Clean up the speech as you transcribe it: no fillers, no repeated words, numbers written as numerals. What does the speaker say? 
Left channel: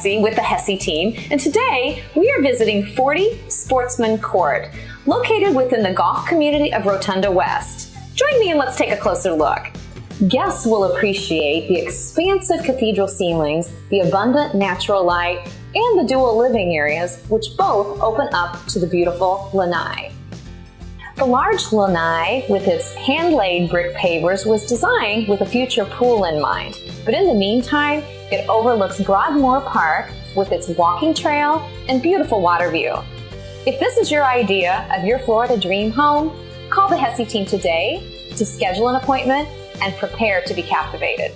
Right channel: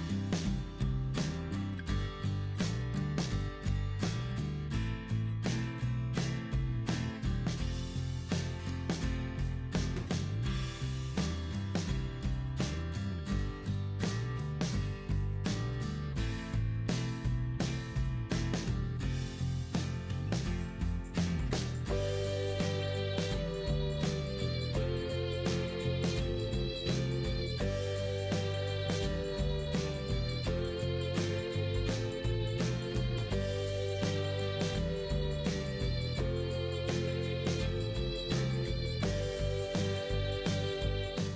Hesse with the Hesse team, and today we are visiting 40 Sportsman Court, located within the golf community of Rotonda West. Join me and let's take a closer look. Guests will appreciate the expansive cathedral ceilings, the abundant natural light, and the dual living areas, which both open up to the beautiful lanai. The large lanai, with its hand-laid brick pavers, was designed with a future pool in mind. But in the meantime, it overlooks Broadmoor Park with its walking trail and beautiful water view. If this is your idea of your Florida dream home, call the Hesse team today to schedule an appointment and prepare to be captivated.